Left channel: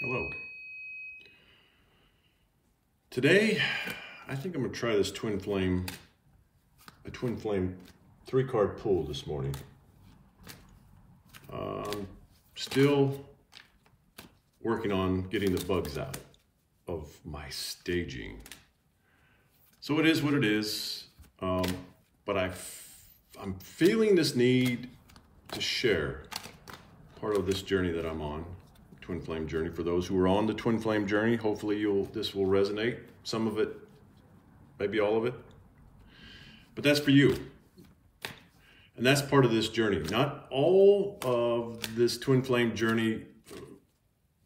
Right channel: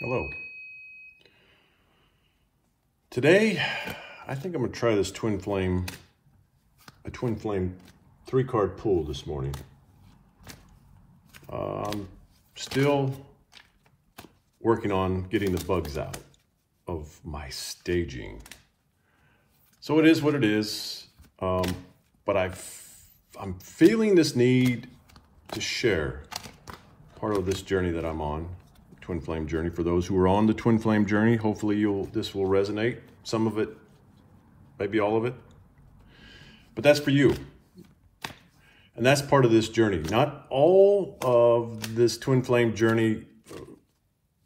Hello. Today, I think I'm gonna try this Twin Flame 3-card pool this morning. I'm still working on getting the bugs out of my staging. So it is what it is, but I'm feeling this need to share part of this journey that I'm on. Twin Flame journey. For those who are on the Twin Flame journey, hopefully this will resonate. Some of it, maybe all of it. But that's for you. And that's part of this journey. Not all of this Twin Flame journey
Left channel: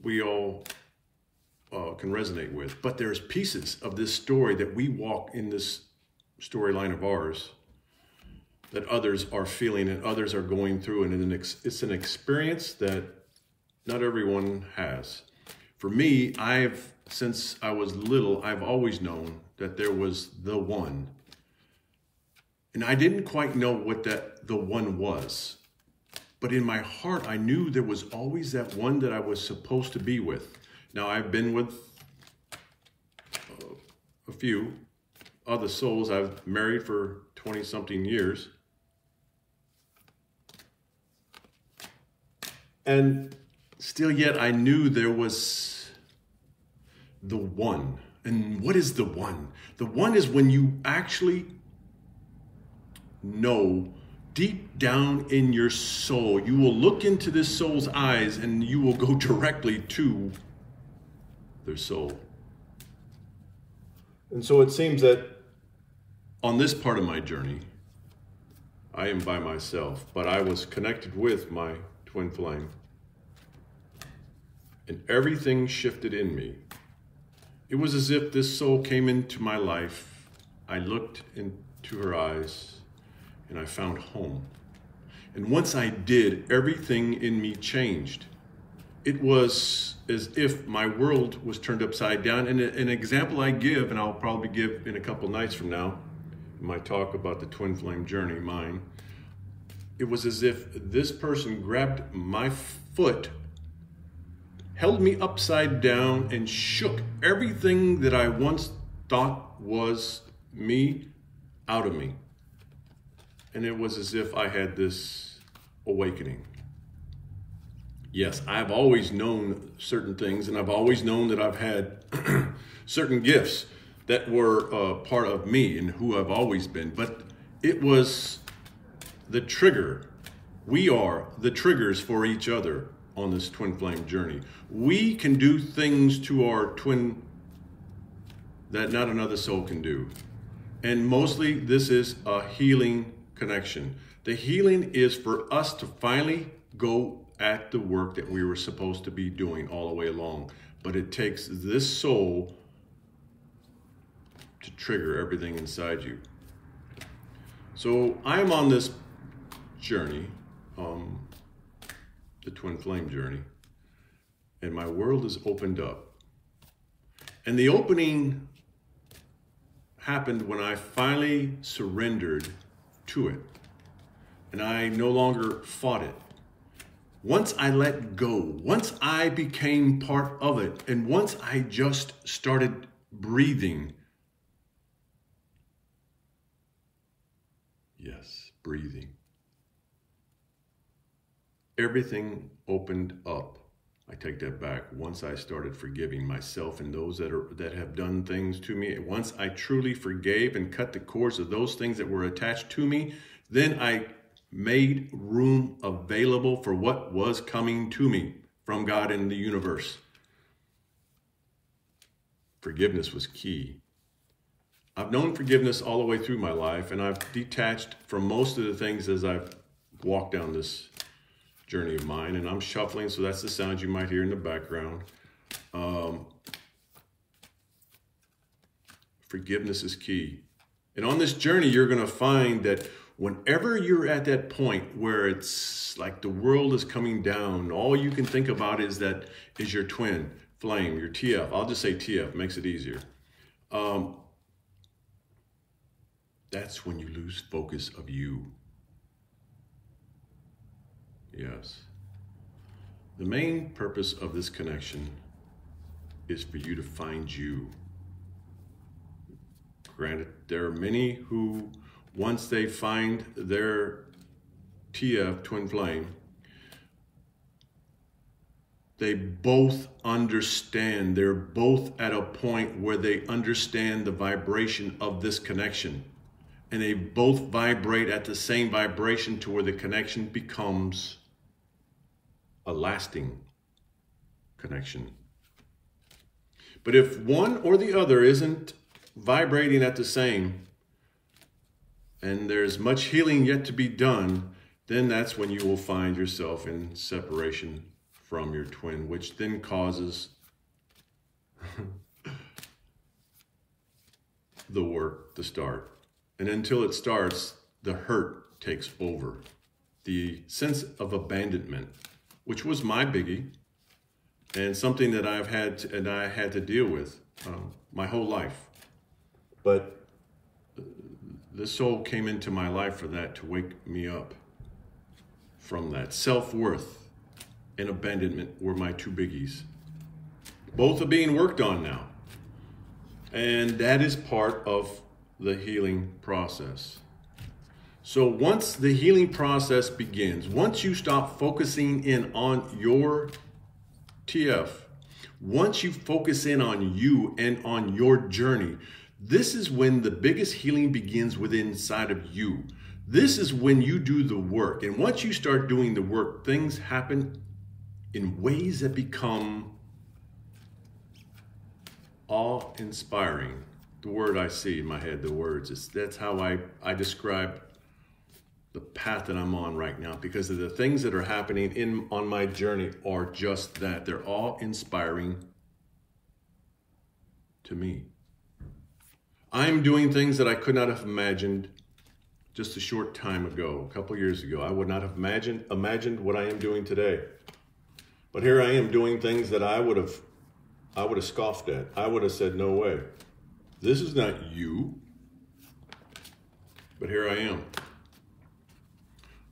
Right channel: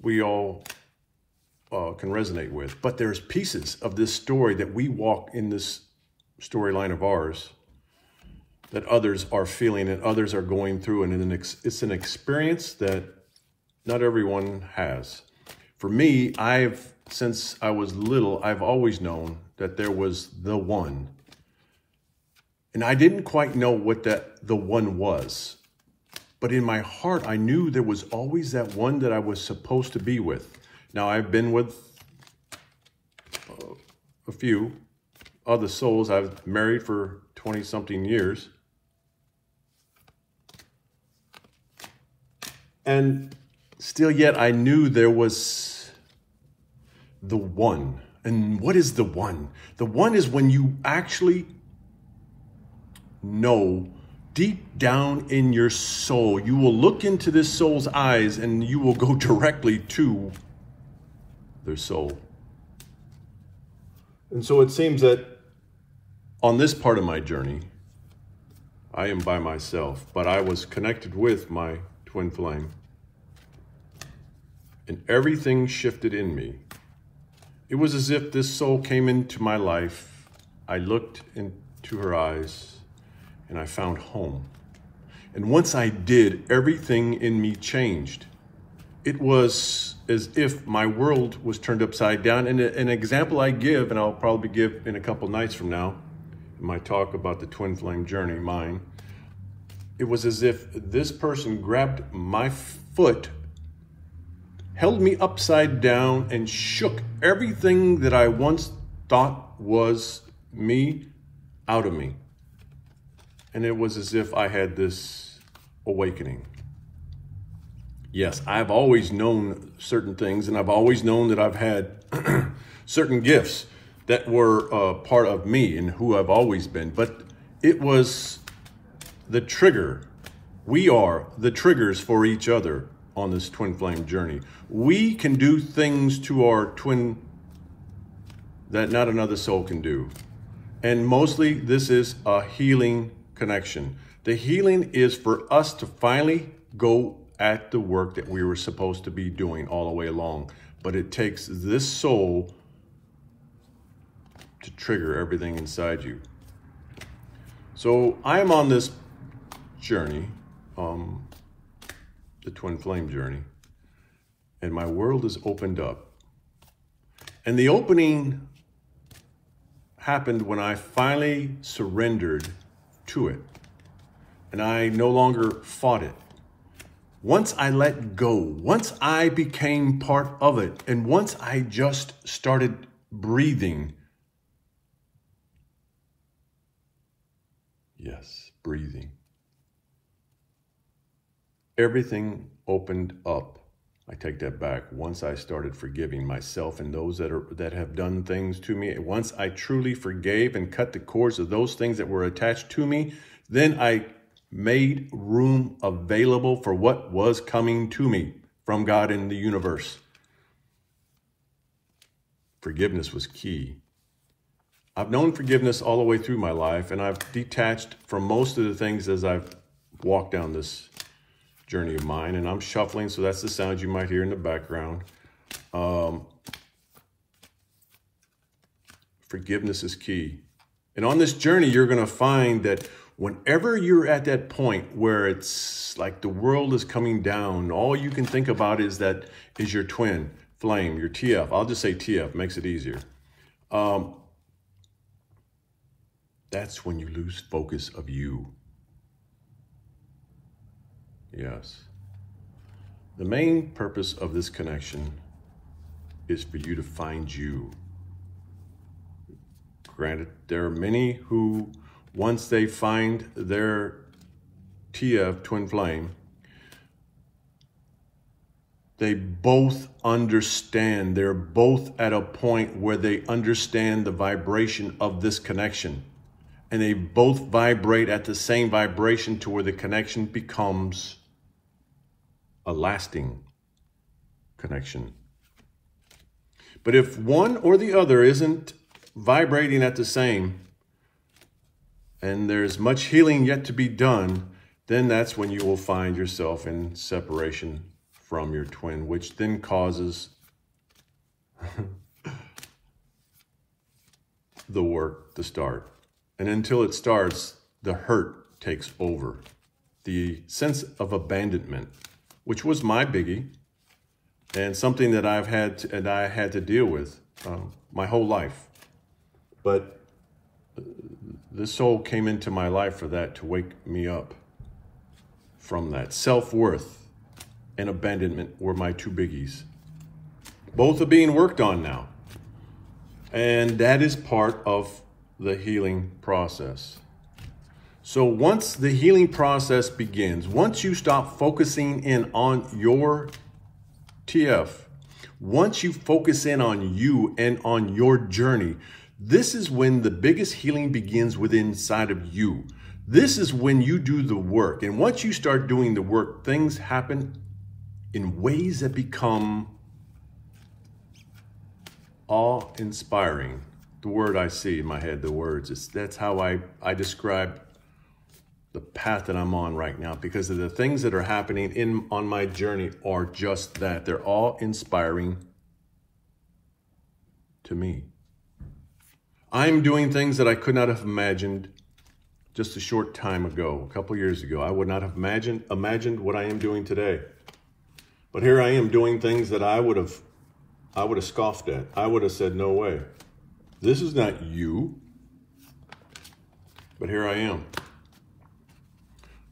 we all can resonate with. But there's pieces of this story that we walk in this storyline of ours that others are feeling and others are going through. And it's an experience that not everyone has. For me, since I was little, I've always known that there was the one. And I didn't quite know what the one was. But in my heart, I knew there was always that one that I was supposed to be with. Now, I've been with a few other souls. I've married for 20-something years. And still yet, I knew there was the one. And what is the one? The one is when you actually know deep down in your soul, you will look into this soul's eyes and you will go directly to their soul. And so it seems that on this part of my journey, I am by myself, but I was connected with my twin flame. And everything shifted in me. It was as if this soul came into my life. I looked into her eyes and I found home. And once I did, everything in me changed. It was as if my world was turned upside down. And an example I give, and I'll probably give in a couple nights from now, in my talk about the Twin Flame journey, mine, it was as if this person grabbed my foot, held me upside down, and shook everything that I once thought was me out of me. And it was as if I had this awakening. Yes, I've always known certain things, and I've always known that I've had certain gifts that were part of me and who I've always been. But it was the trigger. We are the triggers for each other on this twin flame journey. We can do things to our twin that not another soul can do. And mostly this is a healing connection. The healing is for us to finally go at the work that we were supposed to be doing all the way along. But it takes this soul to trigger everything inside you. So I'm on this journey, the twin flame journey, and my world is opened up. And the opening happened when I finally surrendered to it, and I no longer fought it. Once I let go, once I became part of it, and once I just started breathing, yes, breathing, everything opened up. I take that back. Once I started forgiving myself and those that have done things to me, once I truly forgave and cut the cords of those things that were attached to me, then I made room available for what was coming to me from God in the universe. Forgiveness was key. I've known forgiveness all the way through my life, and I've detached from most of the things as I've walked down this journey of mine, and I'm shuffling, so that's the sound you might hear in the background. Forgiveness is key. And on this journey, you're going to find that whenever you're at that point where it's like the world is coming down, all you can think about is your twin flame, your TF. I'll just say TF, makes it easier. That's when you lose focus of you. Yes. The main purpose of this connection is for you to find you. Granted, there are many who, once they find their TF, twin flame, they both understand. They're both at a point where they understand the vibration of this connection. And they both vibrate at the same vibration to where the connection becomes a lasting connection. But if one or the other isn't vibrating at the same, and there's much healing yet to be done, then that's when you will find yourself in separation from your twin, which then causes the work to start. And until it starts, the hurt takes over. The sense of abandonment, which was my biggie, and something that I had to deal with my whole life. But the soul came into my life for that, to wake me up from that. Self-worth and abandonment were my two biggies. Both are being worked on now. And that is part of the healing process. So once the healing process begins, once you stop focusing in on your TF, once you focus in on you and on your journey, this is when the biggest healing begins within inside of you. This is when you do the work. And once you start doing the work, things happen in ways that become awe-inspiring. The word I see in my head, the words, that's how I describe the path that I'm on right now, because of the things that are happening on my journey are just that. They're all inspiring to me. I'm doing things that I could not have imagined just a short time ago, a couple years ago. I would not have imagined what I am doing today. But here I am doing things that I would have scoffed at. I would have said, no way. This is not you. But here I am.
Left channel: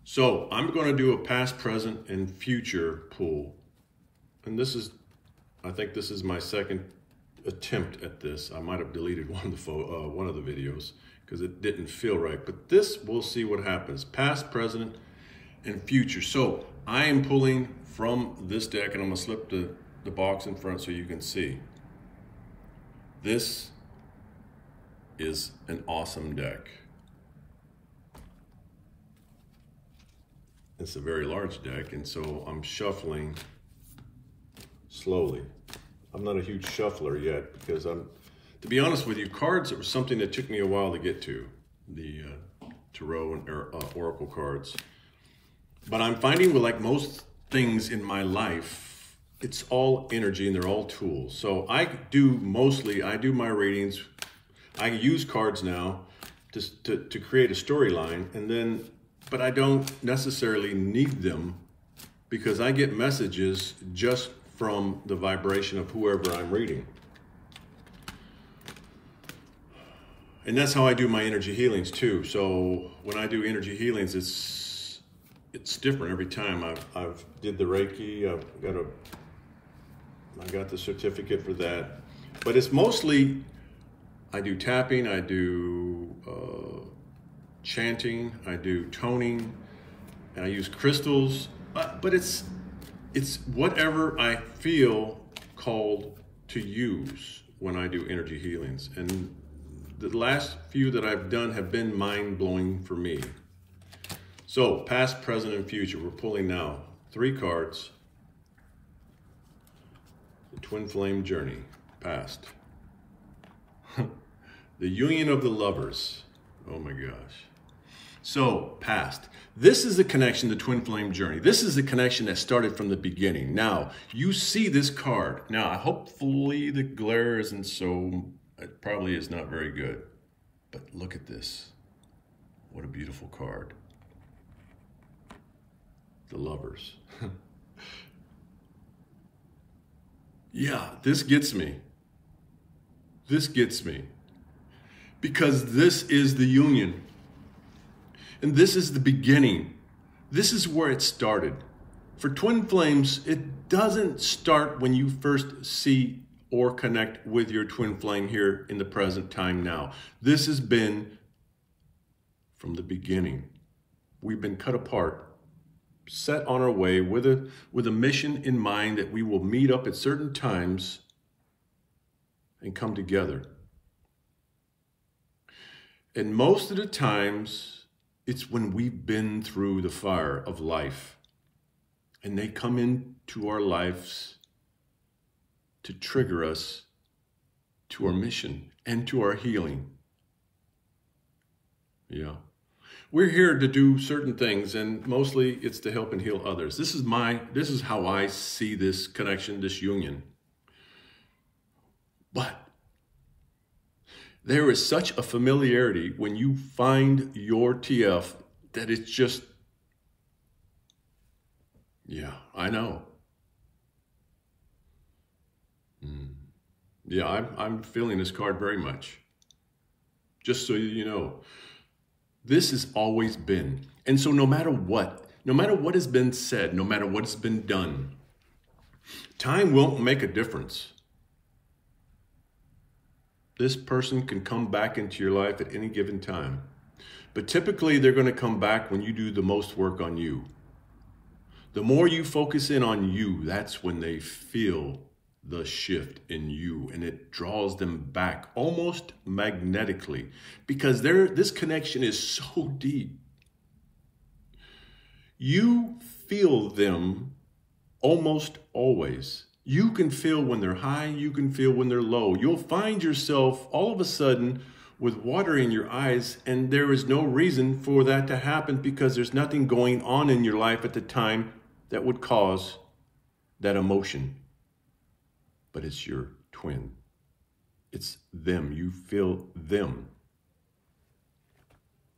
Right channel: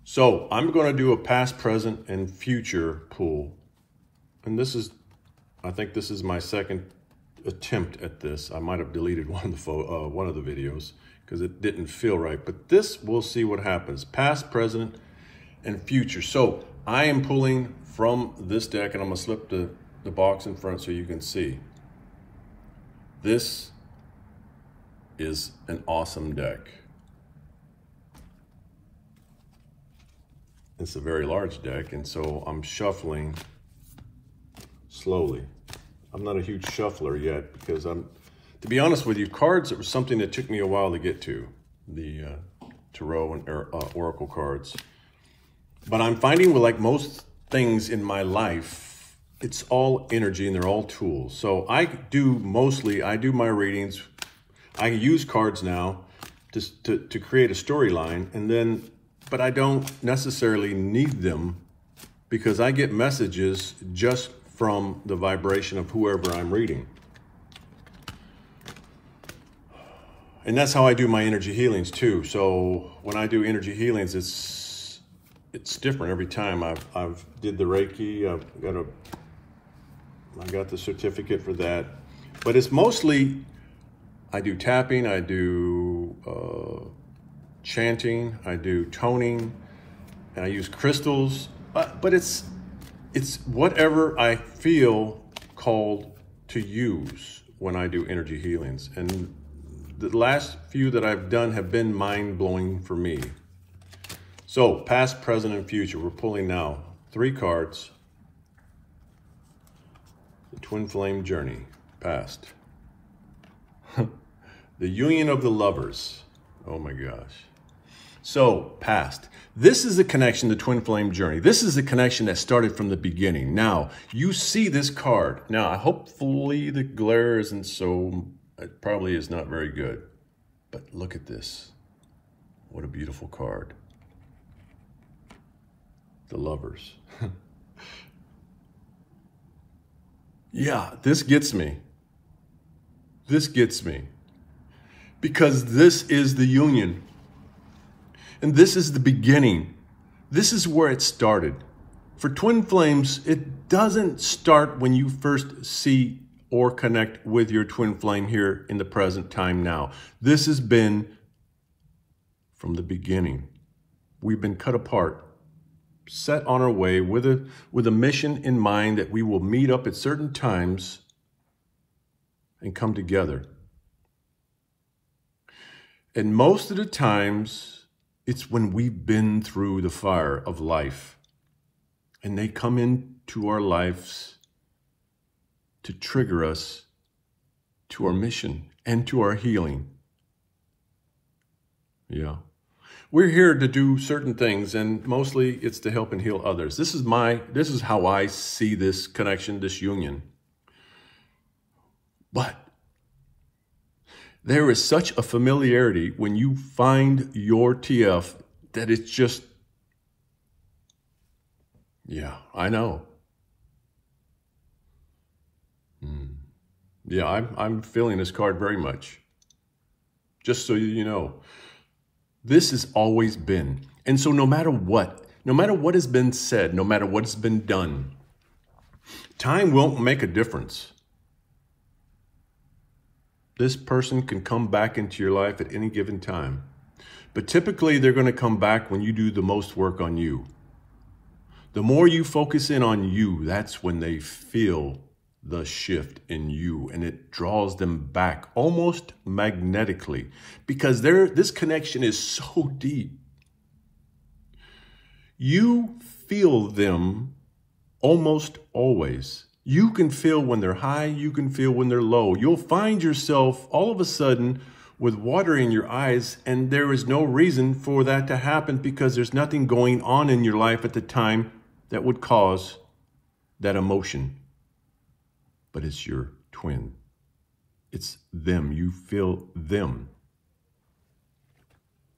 So I'm going to do a past, present, and future pull. And I think this is my second attempt at this. I might have deleted one of the videos because it didn't feel right. But this, we'll see what happens. Past, present, and future. So I am pulling from this deck, and I'm going to slip the box in front so you can see. This is an awesome deck. It's a very large deck, and so I'm shuffling slowly. I'm not a huge shuffler yet because to be honest with you, cards are something that took me a while to get to, the tarot and oracle cards. But I'm finding with like most things in my life, it's all energy and they're all tools. So I do my readings. I use cards now to create a storyline, but I don't necessarily need them because I get messages just from the vibration of whoever I'm reading. And that's how I do my energy healings too. So when I do energy healings, it's different every time. I've did the Reiki. I got the certificate for that. But it's mostly, I do tapping, I do chanting, I do toning, and I use crystals. But it's whatever I feel called to use when I do energy healings. And the last few that I've done have been mind-blowing for me. So, past, present, and future. We're pulling now 3 cards. The Twin Flame Journey, past. The Union of the Lovers. Oh my gosh. So, past. This is the connection, the Twin Flame Journey. This is the connection that started from the beginning. Now, you see this card. Now, hopefully the glare isn't it probably is not very good. But look at this. What a beautiful card. The Lovers. Yeah, this gets me. This gets me. Because this is the union. And this is the beginning. This is where it started. For twin flames, it doesn't start when you first see or connect with your twin flame here in the present time now. This has been from the beginning. We've been cut apart, set on our way with a mission in mind that we will meet up at certain times and come together. And most of the times, it's when we've been through the fire of life and they come into our lives to trigger us to our mission and to our healing. Yeah. We're here to do certain things, and mostly it's to help and heal others. This is how I see this connection, this union. But there is such a familiarity when you find your TF that it's just, yeah, I know. Yeah, I'm feeling this card very much. Just so you know, this has always been. And so no matter what has been said, no matter what's been done, time won't make a difference. This person can come back into your life at any given time. But typically they're going to come back when you do the most work on you. The more you focus in on you, that's when they feel the shift in you, and it draws them back almost magnetically, because this connection is so deep. You feel them almost always. You can feel when they're high, you can feel when they're low. You'll find yourself all of a sudden with water in your eyes, and there is no reason for that to happen because there's nothing going on in your life at the time that would cause that emotion. But it's your twin. It's them. You feel them.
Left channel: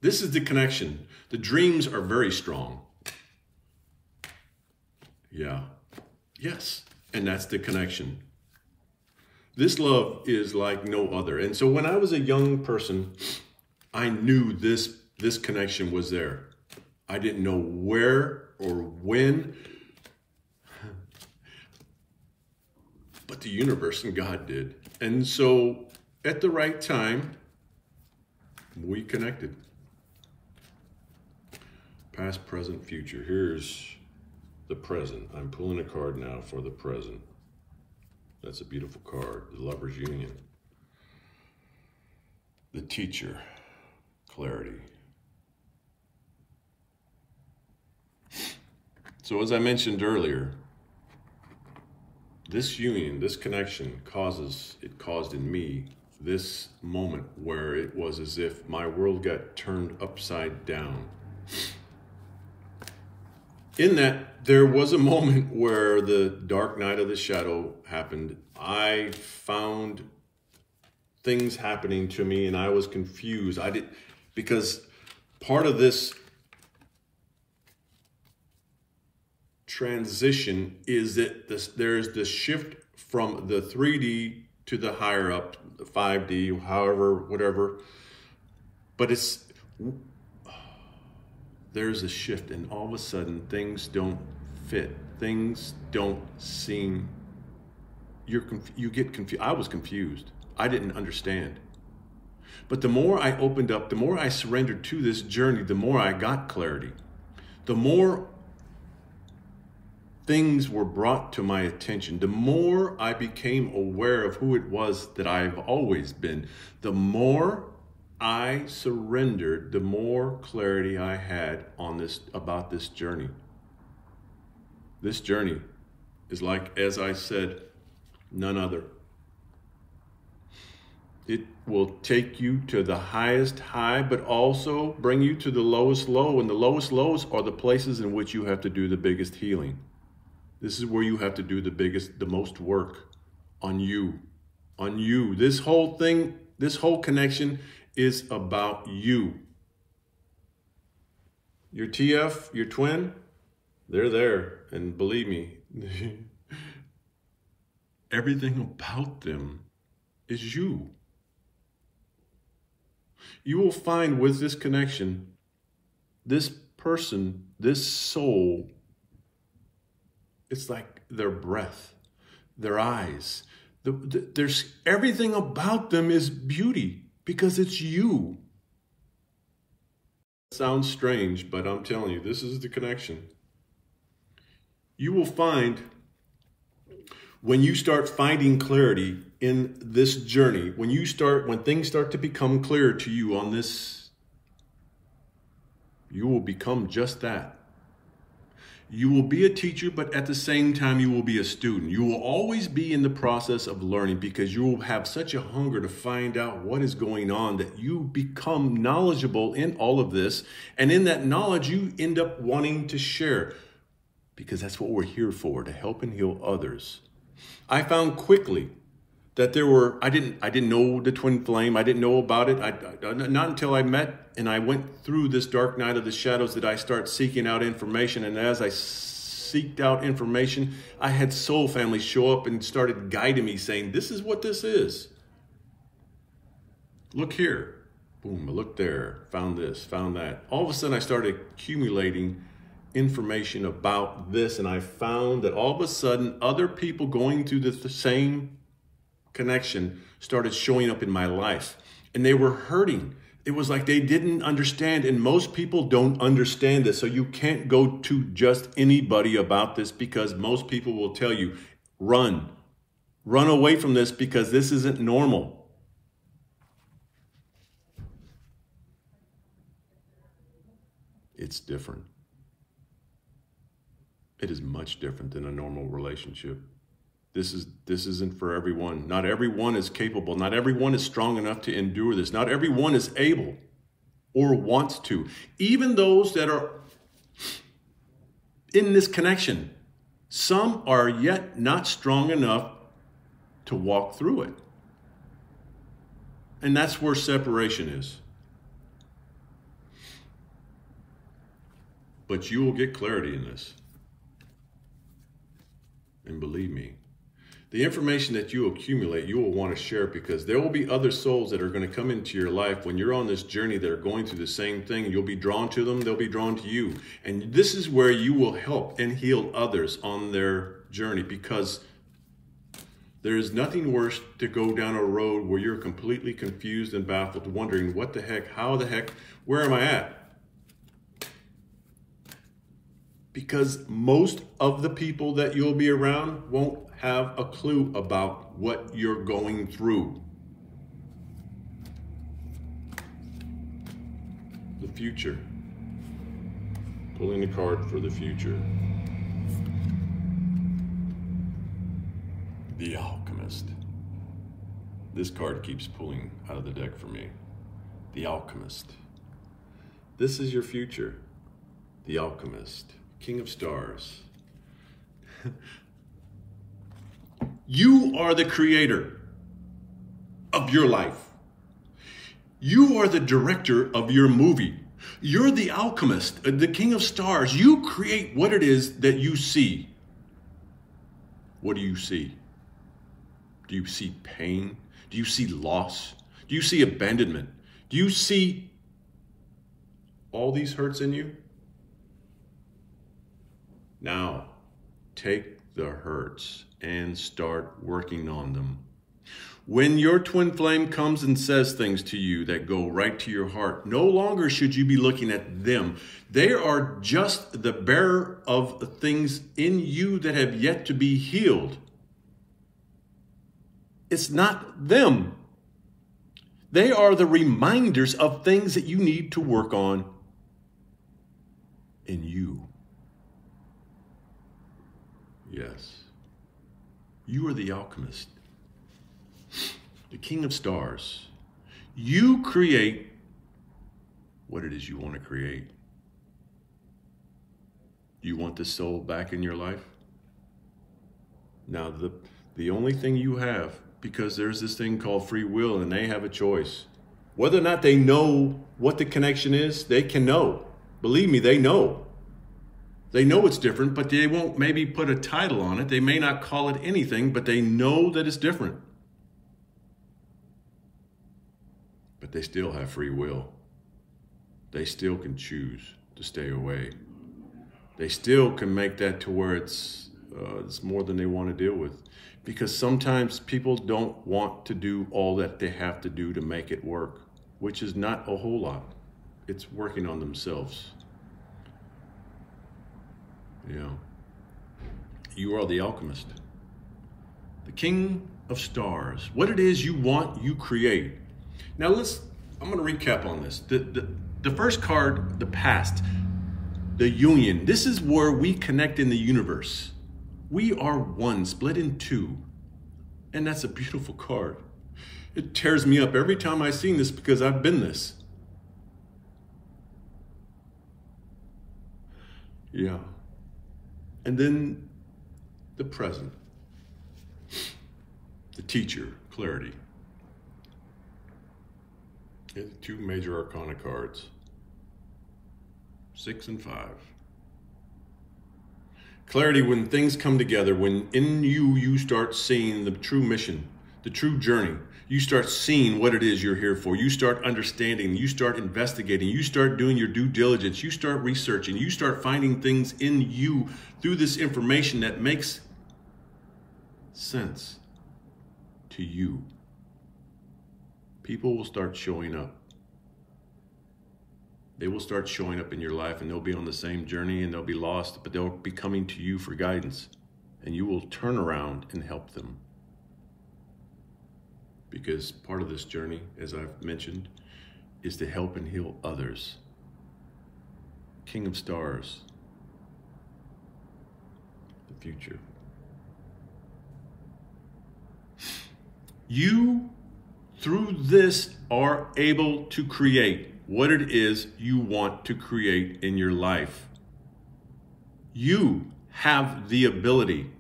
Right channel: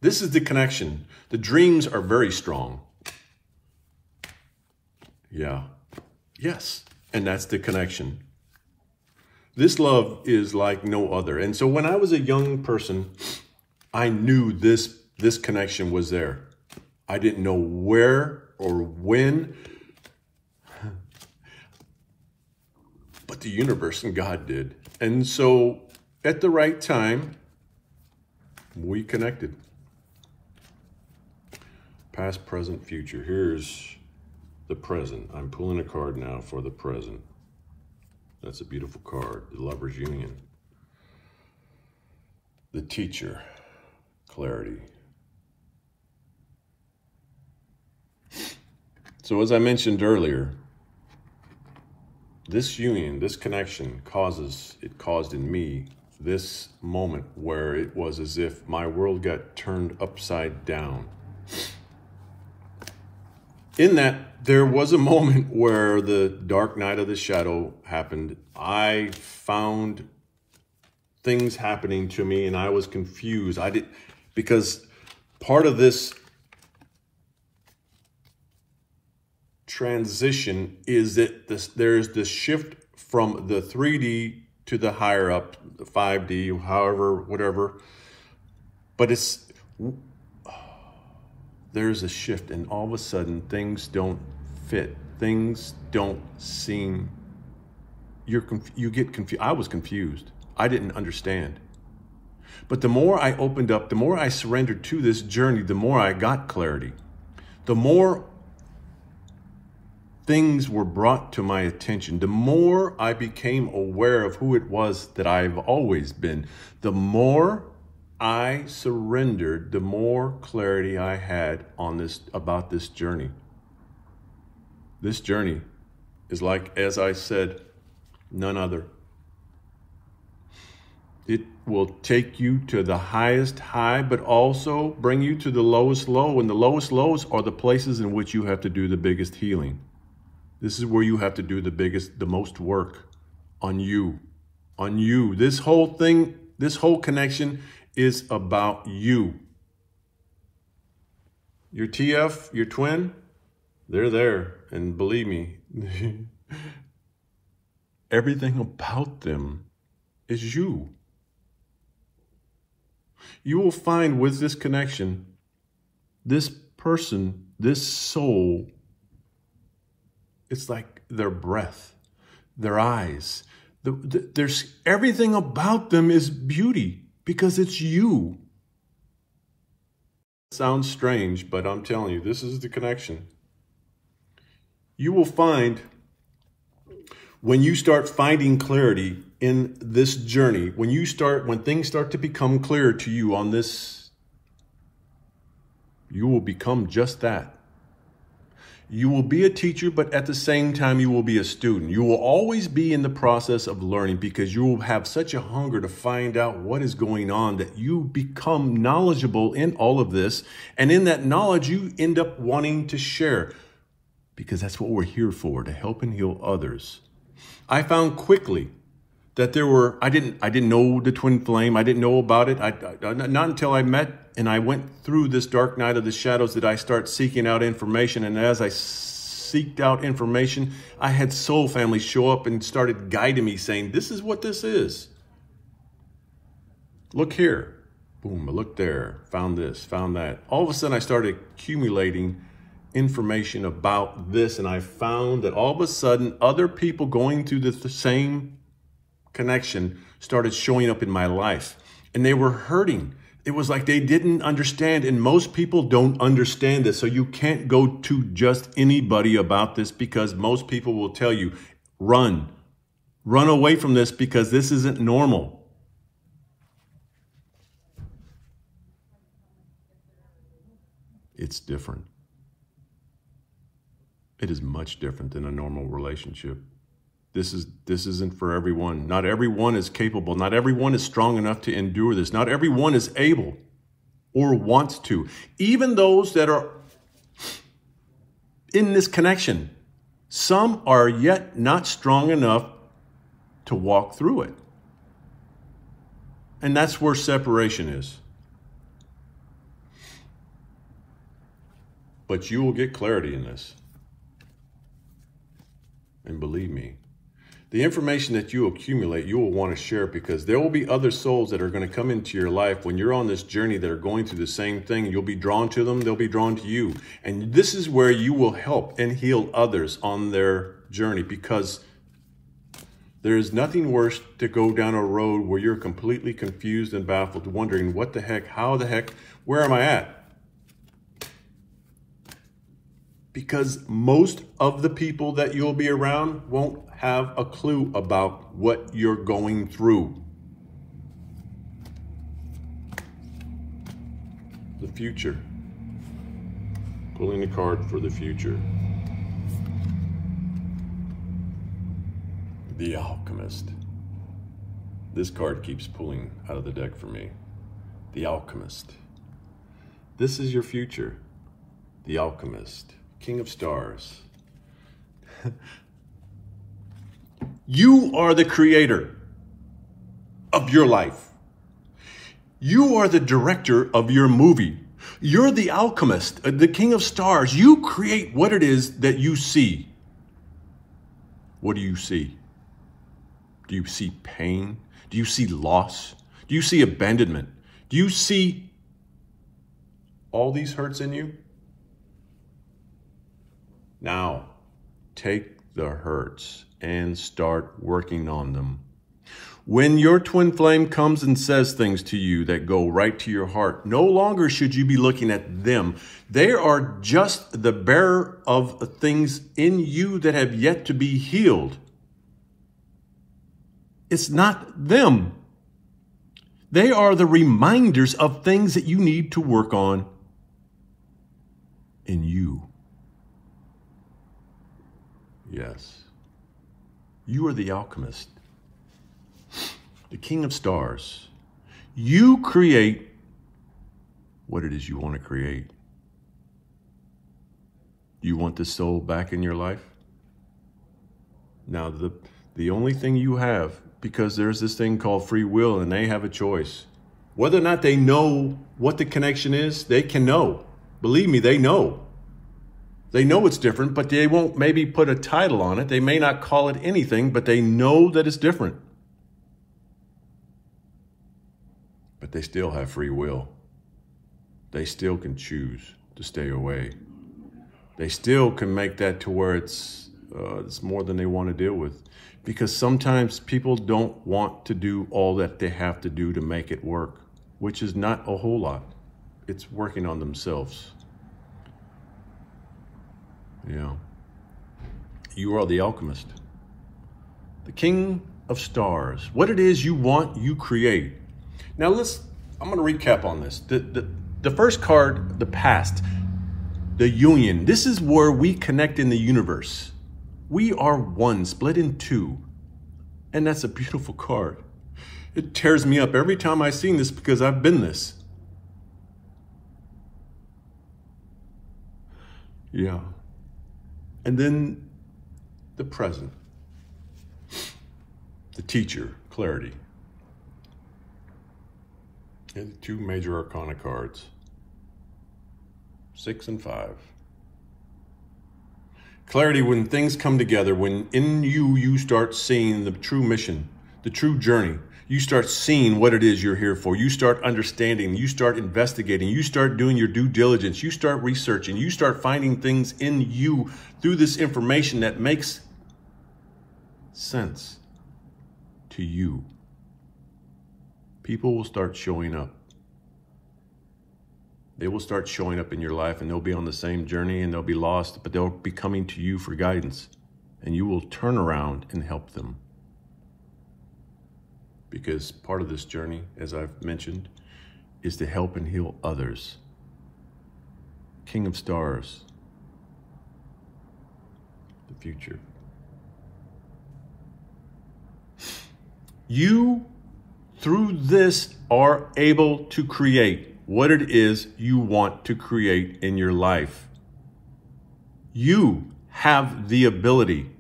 This is the connection. The dreams are very strong. Yeah. Yes. And that's the connection. This love is like no other. And so when I was a young person, I knew this connection was there. I didn't know where or when, but the universe and God did. And so at the right time, we connected. Past, present, future. Here's the present. I'm pulling a card now for the present. That's a beautiful card. The Lover's Union. The Teacher. Clarity. So as I mentioned earlier, this union, this connection caused in me this moment where it was as if my world got turned upside down. In that, there was a moment where the dark night of the shadow happened. I found things happening to me and I was confused. Because part of this transition is that there's this shift from the 3D to the higher up, the 5D, however, whatever. But there's a shift, and all of a sudden things don't fit. Things don't seem, you get confused. I was confused. I didn't understand. But the more I opened up, the more I surrendered to this journey, the more I got clarity. The more things were brought to my attention, the more I became aware of who it was that I've always been. The more I surrendered, the more clarity I had on about this journey. This journey is like, as I said, none other. It will take you to the highest high, but also bring you to the lowest low. And the lowest lows are the places in which you have to do the biggest healing. This is where you have to do the most work on you. On you. This whole thing, this whole connection is about you. Your TF, your twin, they're there. And believe me, everything about them is you. You will find with this connection, this person, this soul, it's like their breath, their eyes, There's everything about them is beauty because it's you. It sounds strange, but I'm telling you, this is the connection. You will find when you start finding clarity in this journey, when things start to become clear to you on this, you will become just that. You will be a teacher, but at the same time, you will be a student. You will always be in the process of learning because you will have such a hunger to find out what is going on that you become knowledgeable in all of this. And in that knowledge, you end up wanting to share because that's what we're here for, to help and heal others. I found quickly that I didn't know the twin flame. I didn't know about it. Not until I met and I went through this dark night of the shadows did I start seeking out information. And as I seeked out information, I had soul family show up and started guiding me saying, this is what this is. Look here. Boom, I looked there, found this, found that. All of a sudden I started accumulating information about this. And I found that all of a sudden other people going through the same connection started showing up in my life and they were hurting. It was like they didn't understand, and most people don't understand this. So you can't go to just anybody about this because most people will tell you, run away from this because this isn't normal. It's different. It is much different than a normal relationship. This isn't for everyone. Not everyone is capable. Not everyone is strong enough to endure this. Not everyone is able or wants to. Even those that are in this connection, some are yet not strong enough to walk through it. And that's where separation is. But you will get clarity in this. And believe me, the information that you accumulate, you will want to share because there will be other souls that are going to come into your life when you're on this journey that are going through the same thing. You'll be drawn to them. They'll be drawn to you. And this is where you will help and heal others on their journey because there is nothing worse to go down a road where you're completely confused and baffled, wondering what the heck, how the heck, where am I at? Because most of the people that you'll be around won't have a clue about what you're going through. The future. Pulling a card for the future. The Alchemist. This card keeps pulling out of the deck for me. The Alchemist. This is your future. The Alchemist. King of Stars. You are the creator of your life. You are the director of your movie. You're the alchemist, the King of Stars. You create what it is that you see. What do you see? Do you see pain? Do you see loss? Do you see abandonment? Do you see all these hurts in you? Now, take the hurts and start working on them. When your twin flame comes and says things to you that go right to your heart, no longer should you be looking at them. They are just the bearer of things in you that have yet to be healed. It's not them. They are the reminders of things that you need to work on in you. Yes, you are the alchemist, the King of Stars. You create what it is you want to create. You want the soul back in your life? Now, the only thing you have, because there's this thing called free will and they have a choice. Whether or not they know what the connection is, they can know. Believe me, they know. They know it's different, but they won't maybe put a title on it. They may not call it anything, but they know that it's different. But they still have free will. They still can choose to stay away. They still can make that to where it's it's more than they want to deal with. Because sometimes people don't want to do all that they have to do to make it work, which is not a whole lot. It's working on themselves. Yeah. You are the alchemist. The king of stars. What it is you want, you create. Now I'm going to recap on this. The first card, the past, the union. This is where we connect in the universe. We are one, split in two. And that's a beautiful card. It tears me up every time I see this because I've been this. Yeah. And then the present. The teacher, clarity. And the two major arcana cards. 6 and 5. Clarity, when things come together, when in you start seeing the true mission, the true journey. You start seeing what it is you're here for. You start understanding, you start investigating, you start doing your due diligence, you start researching, you start finding things in you through this information that makes sense to you. People will start showing up. They will start showing up in your life and they'll be on the same journey and they'll be lost, but they'll be coming to you for guidance and you will turn around and help them. Because part of this journey, as I've mentioned, is to help and heal others. King of Stars. The future. You, through this, are able to create what it is you want to create in your life. You have the ability.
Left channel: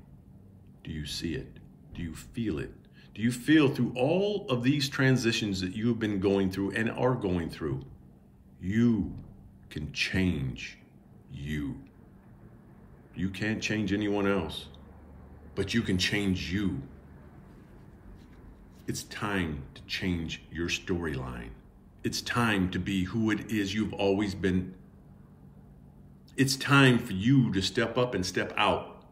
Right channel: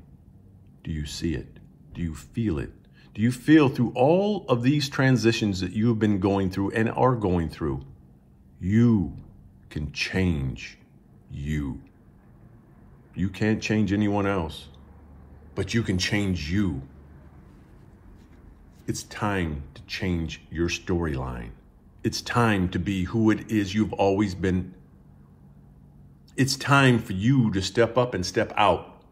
Do you see it? Do you feel it? Do you feel through all of these transitions that you've been going through and are going through, you can change you. You can't change anyone else, but you can change you. It's time to change your storyline. It's time to be who it is you've always been. It's time for you to step up and step out.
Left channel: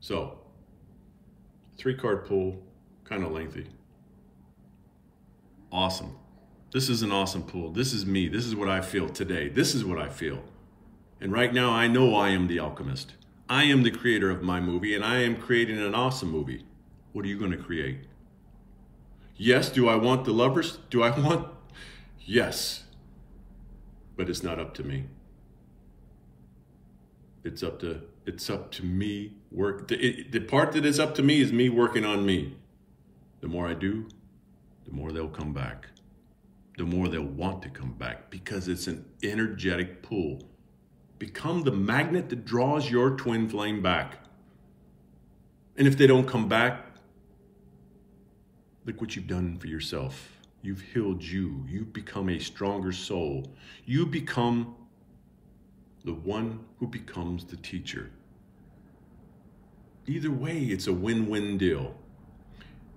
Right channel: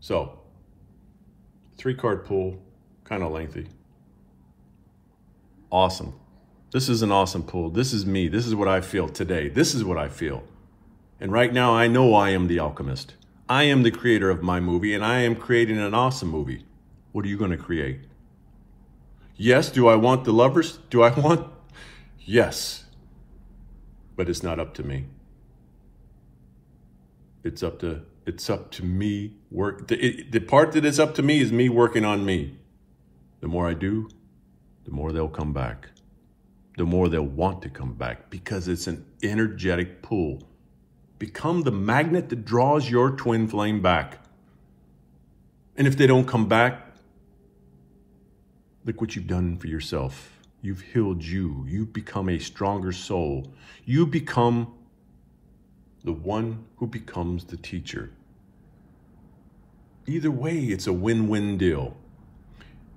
So, 3-card pull, kind of lengthy. Awesome. This is an awesome pull. This is me. This is what I feel today. This is what I feel. And right now, I know I am the alchemist. I am the creator of my movie, and I am creating an awesome movie. What are you going to create? Yes, do I want the lovers? Do I want? Yes. But it's not up to me. It's up to me. The part that is up to me is me working on me. The more I do, the more they'll come back. The more they'll want to come back because it's an energetic pull. Become the magnet that draws your twin flame back. And if they don't come back, look what you've done for yourself. You've healed you. You've become a stronger soul. You become the one who becomes the teacher. Either way, it's a win-win deal.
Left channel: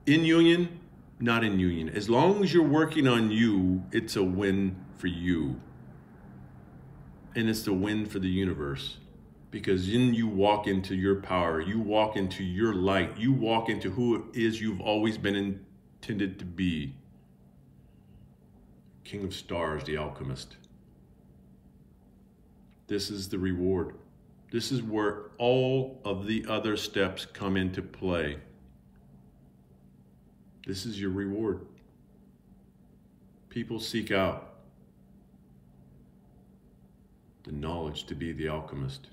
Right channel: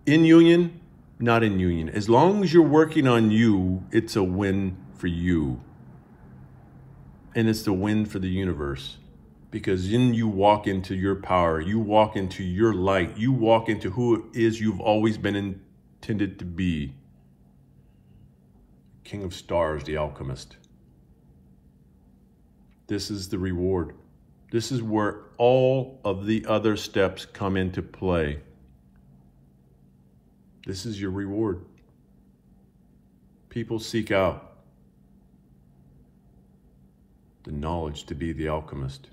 In union, not in union. As long as you're working on you, it's a win for you. And it's the win for the universe. Because then you walk into your power. You walk into your light. You walk into who it is you've always been intended to be. King of Stars, the alchemist. This is the reward. This is where all of the other steps come into play. This is your reward. People seek out the knowledge to be the alchemist.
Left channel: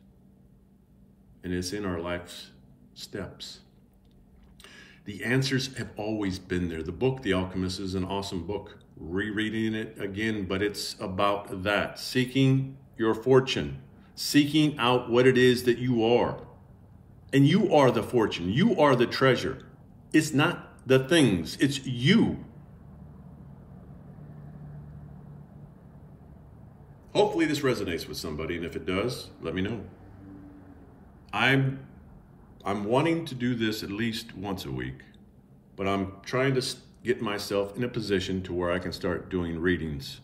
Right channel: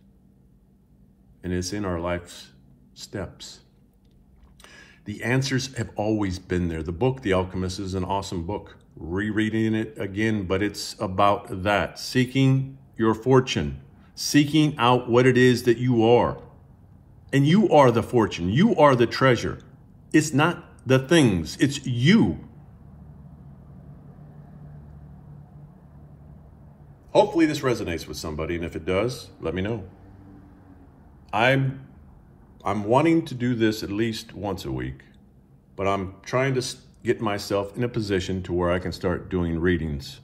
And it's in our life's steps. The answers have always been there. The book, The Alchemist, is an awesome book. Rereading it again, but it's about that. Seeking your fortune. Seeking out what it is that you are. And you are the fortune. You are the treasure. It's not the things. It's you. Hopefully this resonates with somebody, and if it does, let me know. I'm wanting to do this at least once a week, but I'm trying to get myself in a position to where I can start doing readings.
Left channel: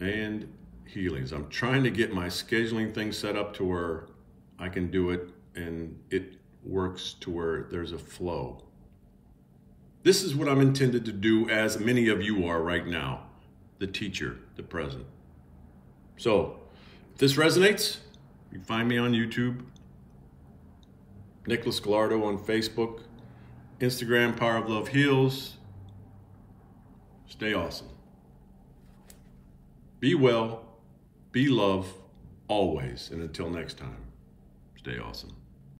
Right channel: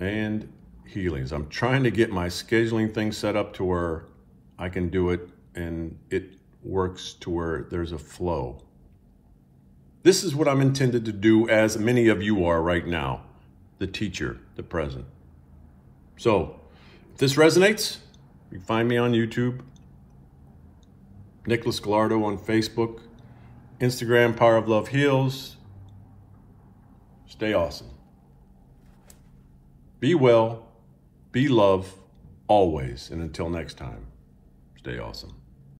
And healings. I'm trying to get my scheduling thing set up to where I can do it and it works to where there's a flow. This is what I'm intended to do, as many of you are right now, the teacher, the present. So if this resonates, you find me on YouTube, Nicholas Gallardo on Facebook, Instagram, Power of Love Heals. Stay awesome. Be well, be love, always. And until next time, stay awesome.